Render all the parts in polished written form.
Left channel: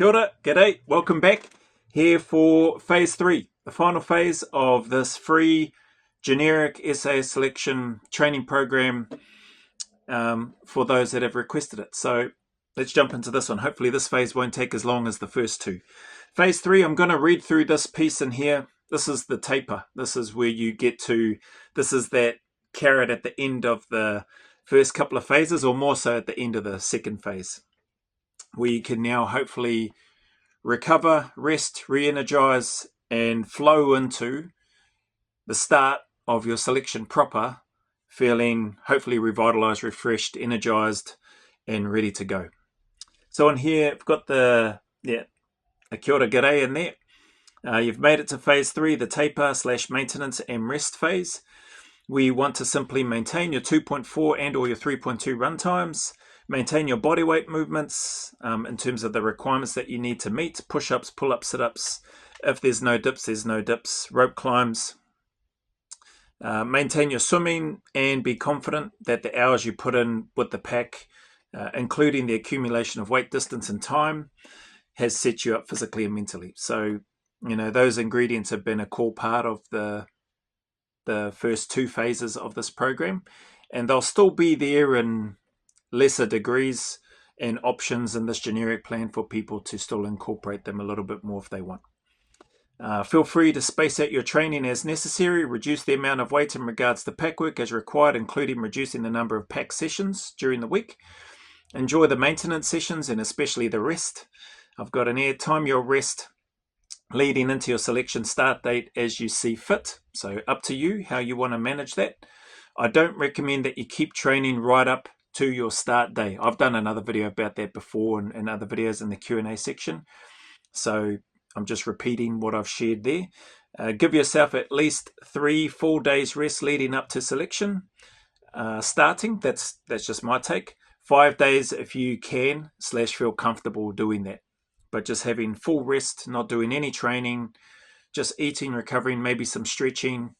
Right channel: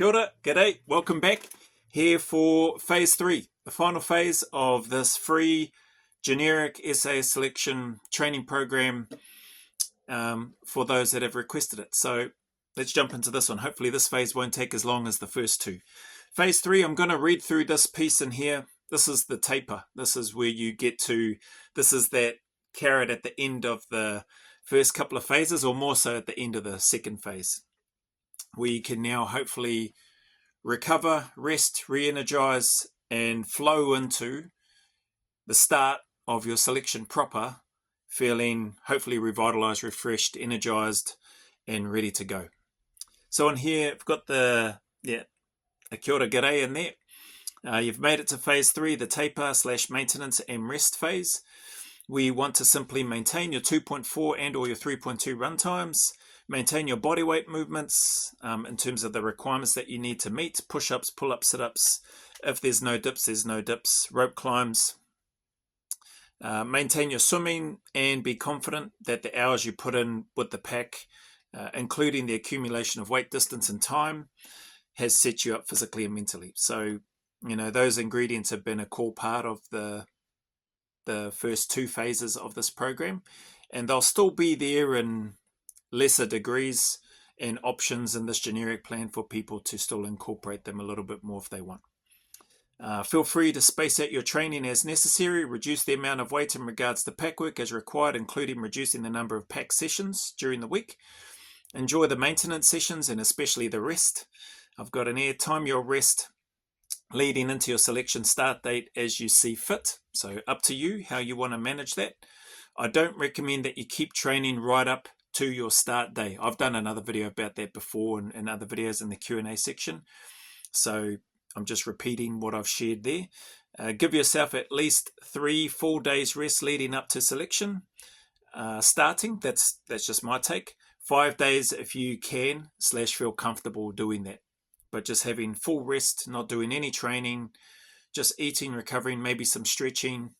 Kia ora, g'day, welcome back here for phase 3, the final phase of this free generic SAS selection training program for those that have requested it. So let's jump into this one. Hopefully this phase won't take as long as the first two. Phase 3, I'm going to read through this piece in here. This is the taper. This is where you get to, this is that carrot at the end of the first couple of phases, or more so at the end of the second phase, where you can now hopefully recover, rest, re-energize, and flow into the start of your selection proper, feeling hopefully revitalized, refreshed, energized, and ready to go. So in here, I've got a kia ora g'day in there. You've made it to phase 3, the taper / maintenance and rest phase. We want to simply maintain your 2.4 and or your 3.2 run times, maintain your body weight movements in terms of the requirements that you need to meet, push-ups, pull-ups, sit-ups. If there's no dips, there's no dips, rope climbs. Maintain your swimming and be confident that the hours you put in with the pack, including the accumulation of weight, distance and time, has set you up physically and mentally. So, you know, those ingredients have been a core part of the first two phases of this program, and they'll still be there in lesser degrees and options in this generic plan for people to still incorporate them a little bit more if they want. Feel free to space out your training as necessary, reduce the amount of weight in regards to pack work as required, including reducing the number of pack sessions during the week. Enjoy the maintenance sessions and especially the rest. I've got an air time your rest leading into your selection start date as you see fit. So up to you how you want to manage that. I don't recommend that you keep training right up to your start day. I've done another video about that before and other videos in the Q&A section. So I'm just repeating what I've shared there. Give yourself at least 3 full days rest leading up to selection starting. That's just my take. 5 days if you can / feel comfortable doing that. But just having full rest, not doing any training, just eating, recovering, maybe some stretching.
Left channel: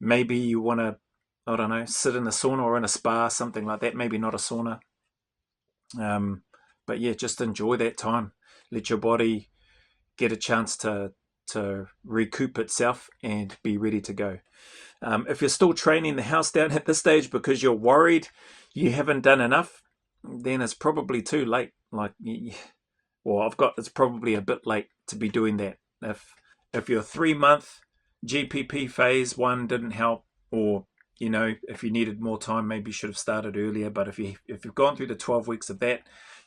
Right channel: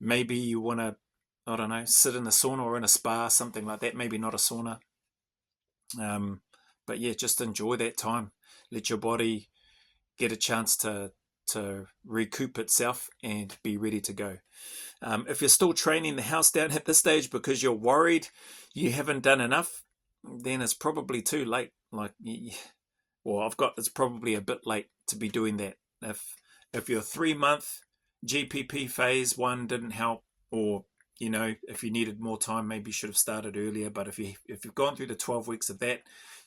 Maybe you want to, I don't know, sit in a sauna or in a spa, something like that. Maybe not a sauna. But yeah, just enjoy that time. Let your body get a chance to recoup itself and be ready to go. If you're still training the house down at this stage because you're worried you haven't done enough, then it's probably too late. It's probably a bit late to be doing that. If your 3-month GPP phase 1 didn't help, or you know, if you needed more time, maybe you should have started earlier. But if you've gone through the 12 weeks of that,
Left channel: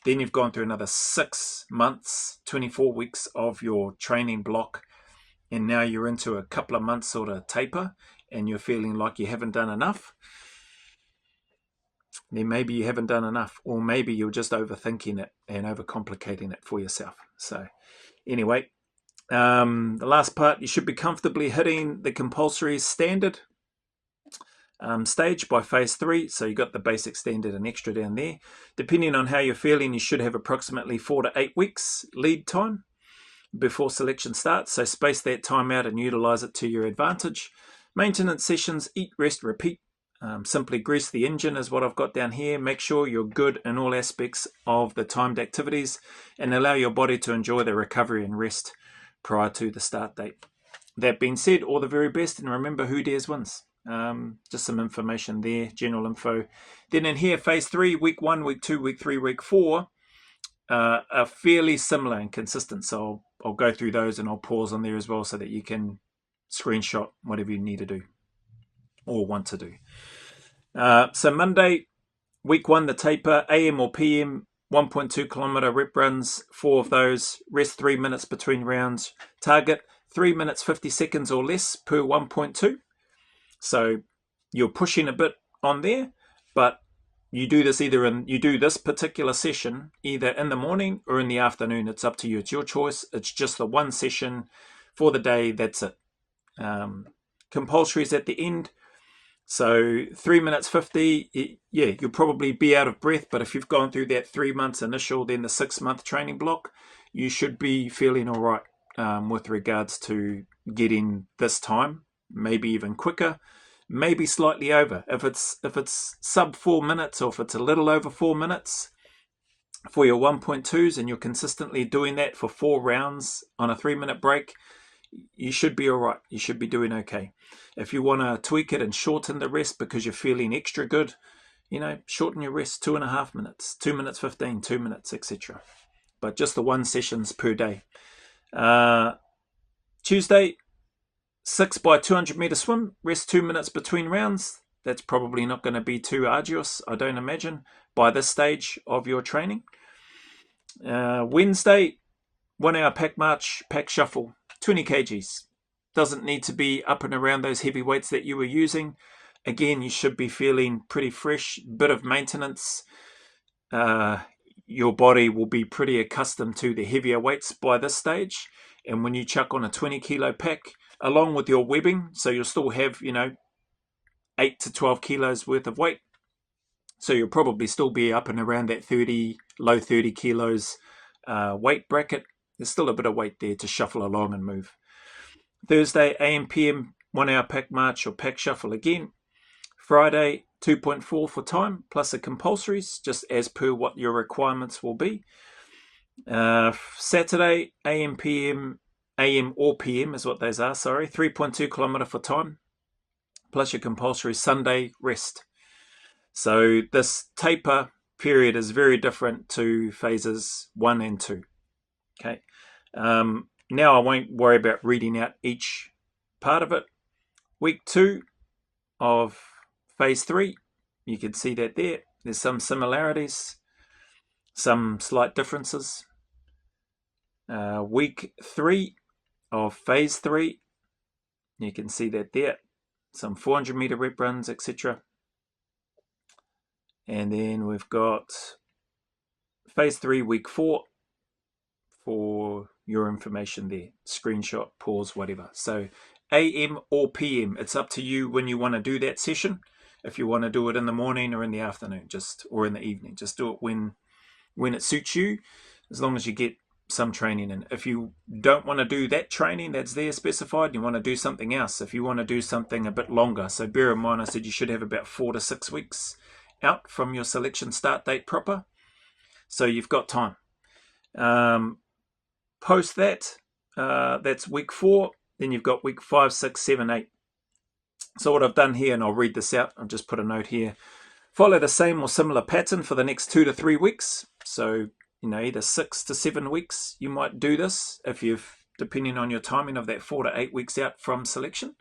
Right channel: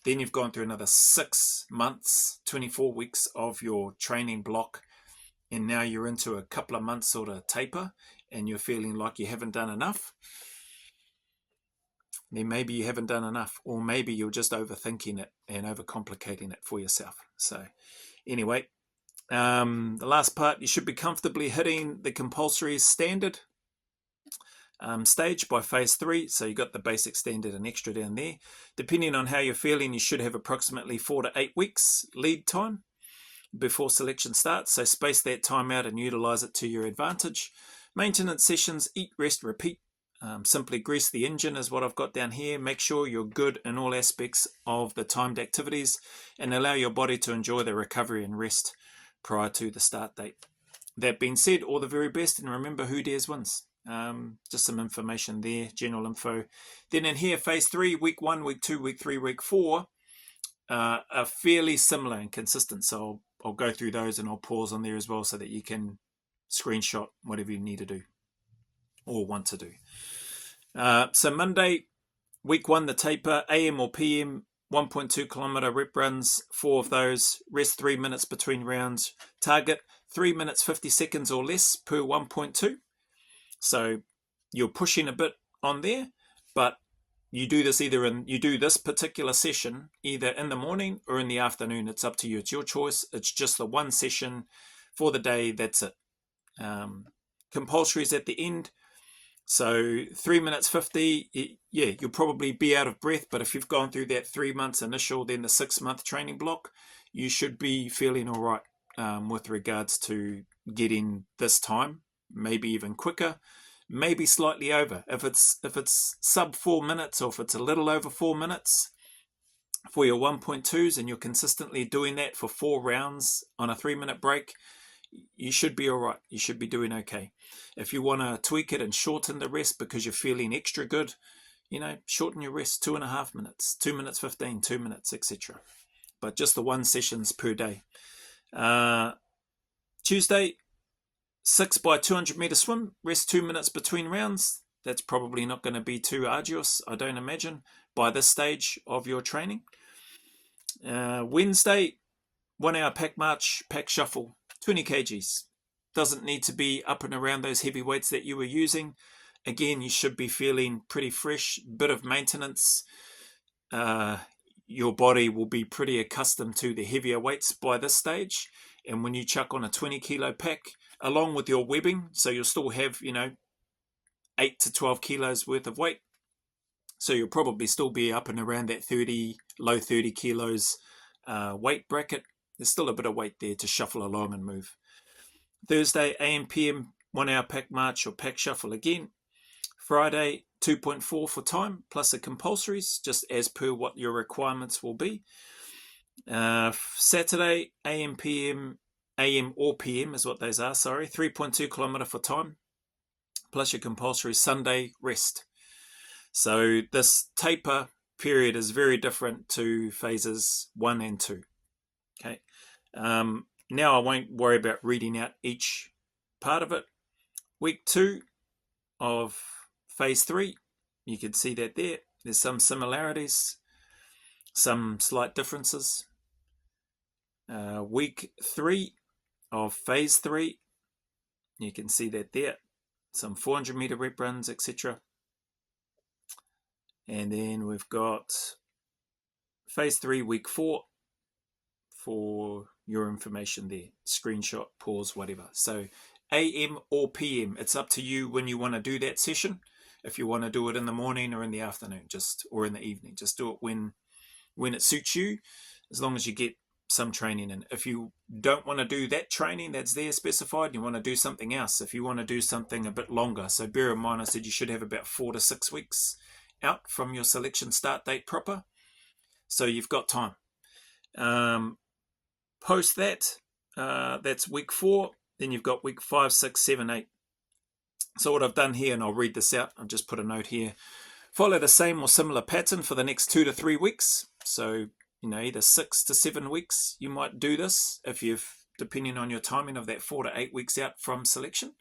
then you've gone through another 6 months, 24 weeks of your training block, and now you're into a couple of months sort of taper, and you're feeling like you haven't done enough. Then maybe you haven't done enough, or maybe you're just overthinking it and overcomplicating it for yourself. So anyway, the last part, you should be comfortably hitting the compulsory standard stage by phase 3. So you got the basic, standard and extra down there. Depending on how you're feeling, you should have approximately 4 to 8 weeks lead time before selection starts. So space that time out and utilize it to your advantage. Maintenance sessions, eat, rest, repeat. Simply grease the engine is what I've got down here. Make sure you're good in all aspects of the timed activities and allow your body to enjoy the recovery and rest prior to the start date. That being said, all the very best, and remember, who dares wins. Just some information there, general info. Then in here, phase 3, week 1, week 2, week 3, week 4 are fairly similar and consistent. So I'll go through those and I'll pause on there as well so that you can screenshot whatever you need to do or want to do. So Monday, week 1, the taper, AM or PM, 1.2 kilometer rep runs, 4 of those, rest 3 minutes between rounds, target 3 minutes 50 seconds or less per 1.2. So you're pushing a bit on there, but you do this you do this particular session either in the morning or in the afternoon. It's up to you. It's your choice. It's just the one session for the day. That's it. Compulsory is at the end. So 3 minutes 50, yeah, you'll probably be out of breath, but if you've gone through that 3 months initial, then the 6-month training block, you should be feeling all right with regards to getting this time, maybe even quicker, maybe slightly over. If it's sub 4 minutes, or if it's a little over 4 minutes, for your 1.2s and you're consistently doing that for 4 rounds on a 3-minute break, you should be all right. You should be doing okay. If you want to tweak it and shorten the rest because you're feeling extra good, shorten your rest 2.5 minutes, 2 minutes 15, 2 minutes, etc. But just the 1 sessions per day. Tuesday, 6 by 200 meter swim, rest 2 minutes between rounds. That's probably not going to be too arduous, I don't imagine, by this stage of your training. Wednesday, 1 hour pack march, pack shuffle, 20 kgs. Doesn't need to be up and around those heavy weights that you were using. Again, you should be feeling pretty fresh, bit of maintenance. Your body will be pretty accustomed to the heavier weights by this stage. And when you chuck on a 20 kilo pack, along with your webbing, so you'll still have, 8 to 12 kilos worth of weight. So you'll probably still be up and around that low 30 kilos weight bracket. There's still a bit of weight there to shuffle along and move. Thursday, AM, PM, 1 hour pack march or pack shuffle again. Friday, 2.4 for time, plus the compulsories, just as per what your requirements will be. Saturday, AM, PM, AM or PM is what those are, 3.2 kilometre for time, plus your compulsory. Sunday, rest. So this taper period is very different to phases 1 and 2. Okay. Now I won't worry about reading out each part of it. Week 2 of phase 3, you can see that there. There's some similarities, some slight differences. Week 3 of phase 3, you can see that there. Some 400 meter rep runs, etc. And then we've got phase 3, week 4 for your information there. Screenshot, pause, whatever. So AM or PM, it's up to you when you want to do that session. If you want to do it in the morning or in the afternoon, or in the evening, just do it when it suits you, as long as you get some training in. If you don't want to do that training that's there specified, you want to do something else. If you want to do something a bit longer, so bear in mind I said you should have about 4 to 6 weeks out from your selection start date proper, so you've got time. Post that, that's week 4, then you've got week 5, 6, 7, 8. So what I've done here, and I'll read this out, I'll just put a note here. Follow the same or similar pattern for the next 2 to 3 weeks. So, either 6 to 7 weeks, you might do this if depending on your timing of that 4 to 8 weeks out from selection.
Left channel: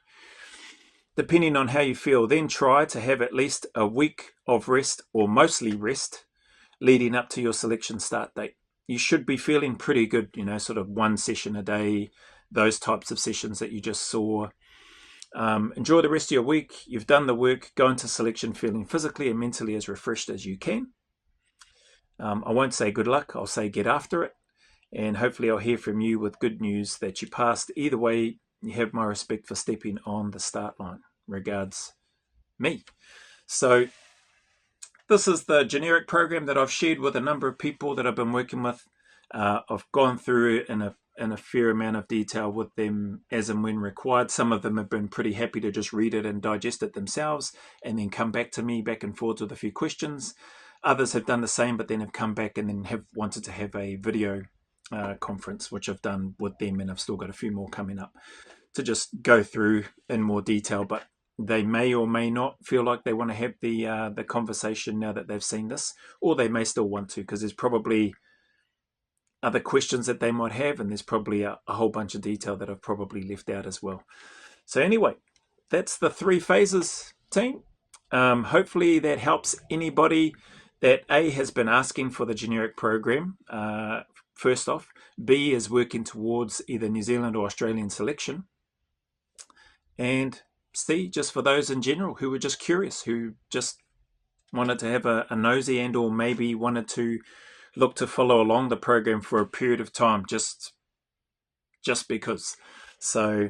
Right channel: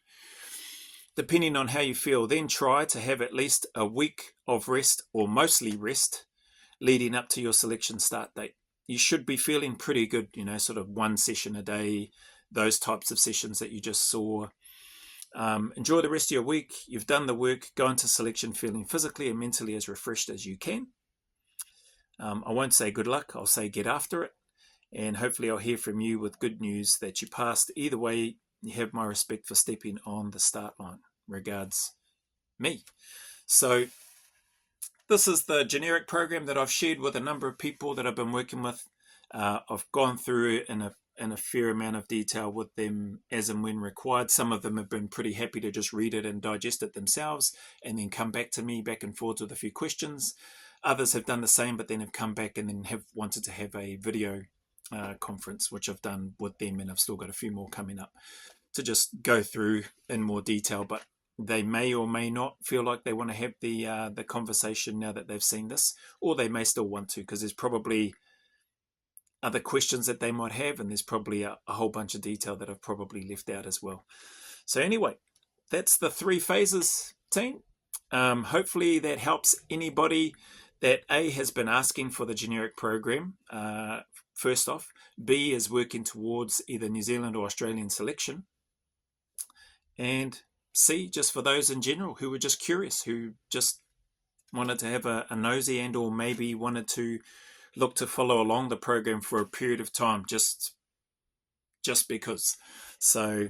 Depending on how you feel, then try to have at least a week of rest or mostly rest leading up to your selection start date. You should be feeling pretty good, sort of 1 session a day, those types of sessions that you just saw. Enjoy the rest of your week. You've done the work. Go into selection feeling physically and mentally as refreshed as you can. I won't say good luck. I'll say get after it. And hopefully I'll hear from you with good news that you passed. Either way, you have my respect for stepping on the start line. Regards, me. So this is the generic program that I've shared with a number of people that I've been working with. I've gone through in a fair amount of detail with them as and when required. Some of them have been pretty happy to just read it and digest it themselves and then come back to me back and forth with a few questions. Others have done the same, but then have come back and then have wanted to have a video conference, which I've done with them, and I've still got a few more coming up to just go through in more detail. But they may or may not feel like they want to have the conversation now that they've seen this, or they may still want to, because there's probably other questions that they might have, and there's probably a whole bunch of detail that I've probably left out as well. So anyway, that's the 3 phases, team. Hopefully that helps anybody that A, has been asking for the generic program, first off, B, is working towards either New Zealand or Australian selection, and C, just for those in general who were just curious, who just wanted to have a nosy and or maybe wanted to look to follow along the program for a period of time, just because. So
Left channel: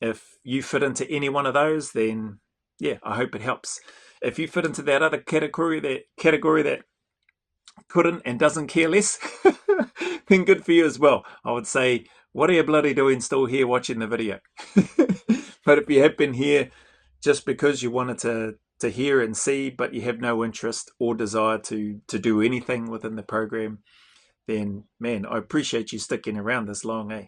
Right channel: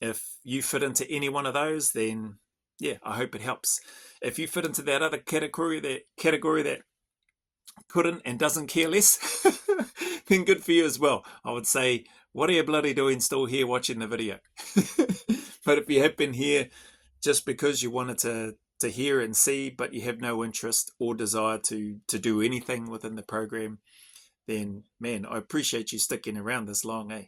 if you fit into any one of those, then yeah, I hope it helps. If you fit into that other category that couldn't and doesn't care less, then good for you as well. I would say, what are you bloody doing still here watching the video? But if you have been here just because you wanted to to hear and see, but you have no interest or desire to do anything within the program, then man, I appreciate you sticking around this long, eh?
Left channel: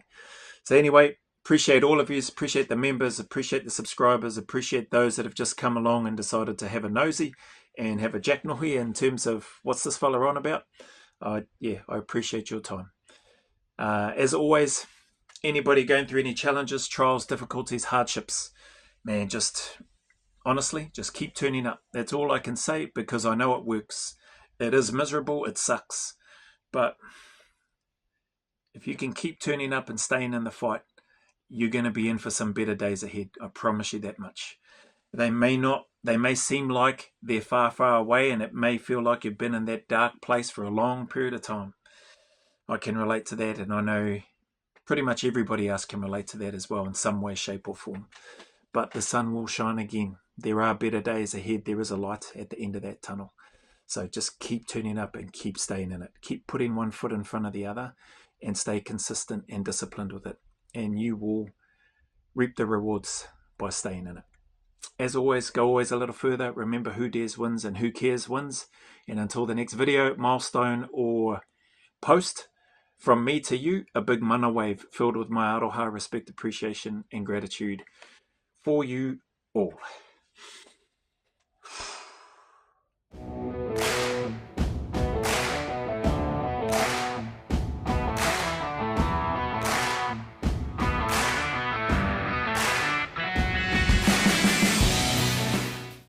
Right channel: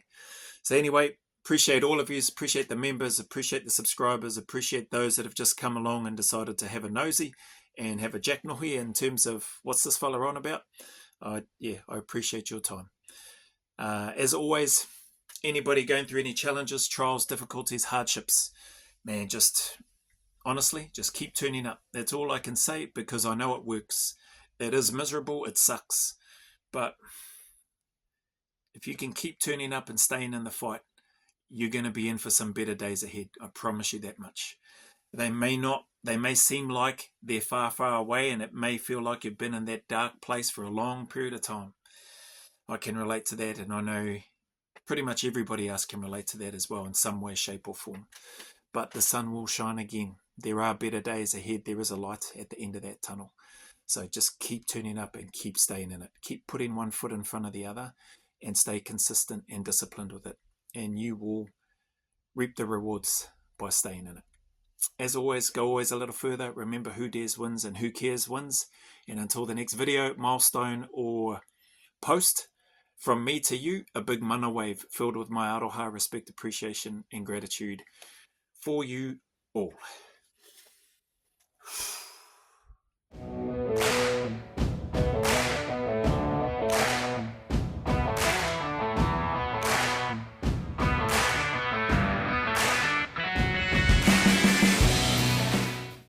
So anyway, appreciate all of you, appreciate the members, appreciate the subscribers, appreciate those that have just come along and decided to have a nosy and have a jacknohi in terms of what's this fella on about. Yeah, I appreciate your time. As always, anybody going through any challenges, trials, difficulties, hardships, man, just honestly, just keep turning up. That's all I can say, because I know it works. It is miserable, it sucks, but if you can keep turning up and staying in the fight, you're going to be in for some better days ahead. I promise you that much. They may seem like they're far, far away, and it may feel like you've been in that dark place for a long period of time. I can relate to that, and I know pretty much everybody else can relate to that as well in some way, shape, or form. But the sun will shine again. There are better days ahead. There is a light at the end of that tunnel. So just keep turning up and keep staying in it. Keep putting one foot in front of the other and stay consistent and disciplined with it. And you will reap the rewards by staying in it. As always, go always a little further. Remember, who dares wins and who cares wins. And until the next video, milestone, or post, from me to you, a big mana wave filled with my aroha, respect, appreciation, and gratitude for you all.